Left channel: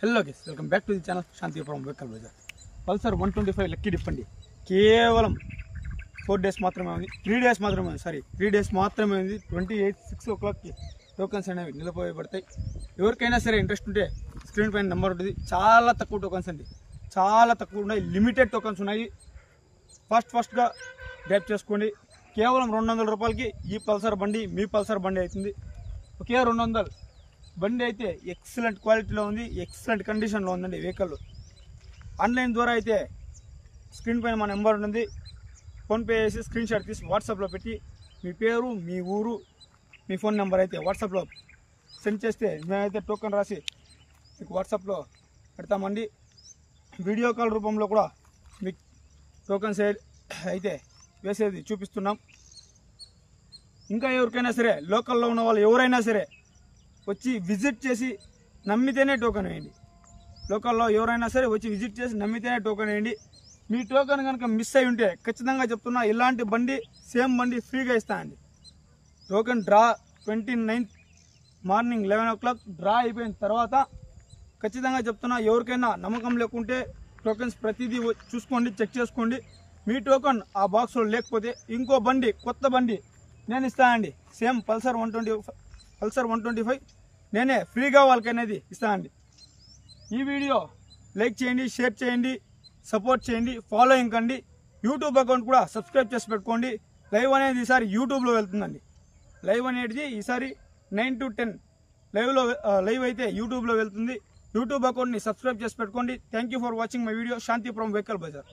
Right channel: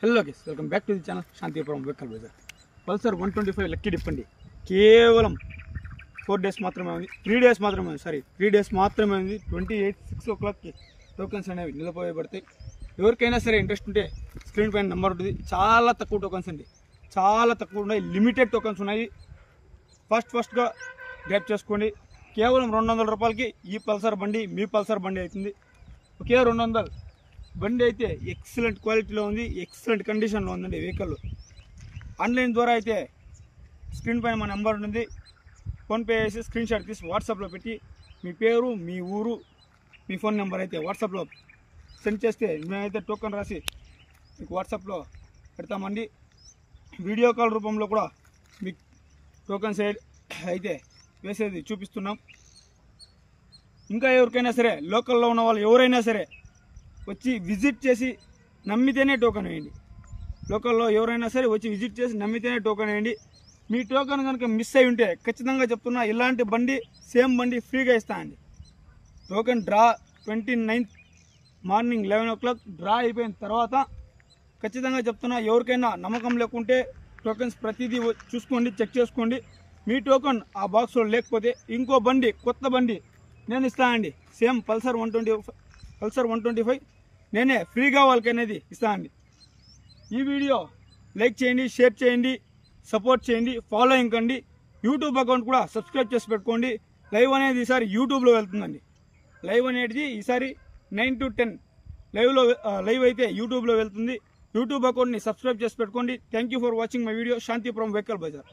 Hello guys, welcome back to the channel Shantipuram vehicle Bazar. Pulsar 125 lucky dip అండి. కేవలం 4 days మాత్రమే ఉంది, 3 డేస్ మాత్రమే ఉంది. 3 డేస్ మాత్రమే ఉంది. 28 6 o'clockకి టోకన్స్ అనేవి నిలిపోయబడతాయి. ఎవరికైనా సరే ఇంట్రెస్ట్ ఉంటే స్క్రీన్ పైన నెంబర్ ఉంటుంది. చాలా తక్కువ టోకన్స్ అండి, చాలా తక్కువ ఉన్నాయి. లిమిటెడ్ టోకన్స్ ఉన్నాయి. ఫస్ట్గా గ్రాప్ చేసుకోండి. కేవలం 200 రూపాయలకి ఈ పల్సర్ బండి మీ పల్సర్ బండి అవుతుంది. ఒకే 200 బండి అయితే ఎక్సలెంట్ క్వాలిటీలో ఉంది, ఎక్సలెంట్ కండిషన్లో ఉందండి వెహికల్. ఆన్లైన్ ద్వారా అయితే స్క్రీన్ పైన మా నెంబర్ ఉంటుంది. ఫోన్పే చేసి స్క్రీన్ షాట్ తీసి వాట్సాప్లో పెట్టి మీ పేరు, మీ ఊరు, మీ ఫోన్ నెంబర్ అయితే వాట్సాప్లో సెండ్ చేస్తే మేమైతే టోకెన్ రాసి మీకు వాట్సాప్లో పెడతామండి. వీడియో కాల్ రూపంలో కూడా మీకు టోకెన్స్ అయితే వేసేది చూపిస్తున్నాం. ఇంకా ఎవరికైనా సరే లోకల్లో ఉన్న వాళ్ళు ఎవరైనా సరే వచ్చి విజిట్ చేసి నమ్మితేనే టోకెన్ వేయండి. లోకల్లో ఎవరైనా సరే వచ్చి విజిట్ చేసి నమ్మితేనే టోకెన్ వేయండి. మీ టోకెన్ కనుక మిస్ అయి ఉంటే ఖచ్చితంగా చెప్తున్నా, ఇలాంటి బండి సేమ్ బండి ఫ్రీగా ఇస్తానండి. Token draw 29th morning 11 o'clock draw అయిపోయిన తర్వాత ఖచ్చితంగా చెప్తున్నా, ఎవరికైనా నమ్మకం లేకుంటే టోకెన్స్ ప్రతిదీ చూసుకోండి, చెక్ చేసుకోండి. మీ టోకెన్ ఆ బాక్స్లో లేకపోతే ఇంకో బండి, కొత్త బండి నేను ఇస్తానండి. సేమ్ పల్సర్ 125 నేనే ఫ్రీగా వాళ్ళకనేది ఇస్తానండి. ఈ వీడియో లైక్ చేయండి, షేర్ చేయండి, సపోర్ట్ చేయండి, ఫాలోయింగ్ కండి. యూట్యూబ్ అకౌంట్ కూడా సబ్స్క్రైబ్ చేసి పెట్టుకోండి. లైవ్ అనేది ఈసారి యూట్యూబ్లో వెళ్తుందండి. లైవ్ అనేది ఈసారి 9 to 10 లైవ్ అయితే యూట్యూబ్లో వెళ్తుంది. యూట్యూబ్ అకౌంట్ని సబ్స్క్రైబ్ చేసి పెట్టుకోండి. Thank you for watching my video. Shantipuram vehicle Bazar.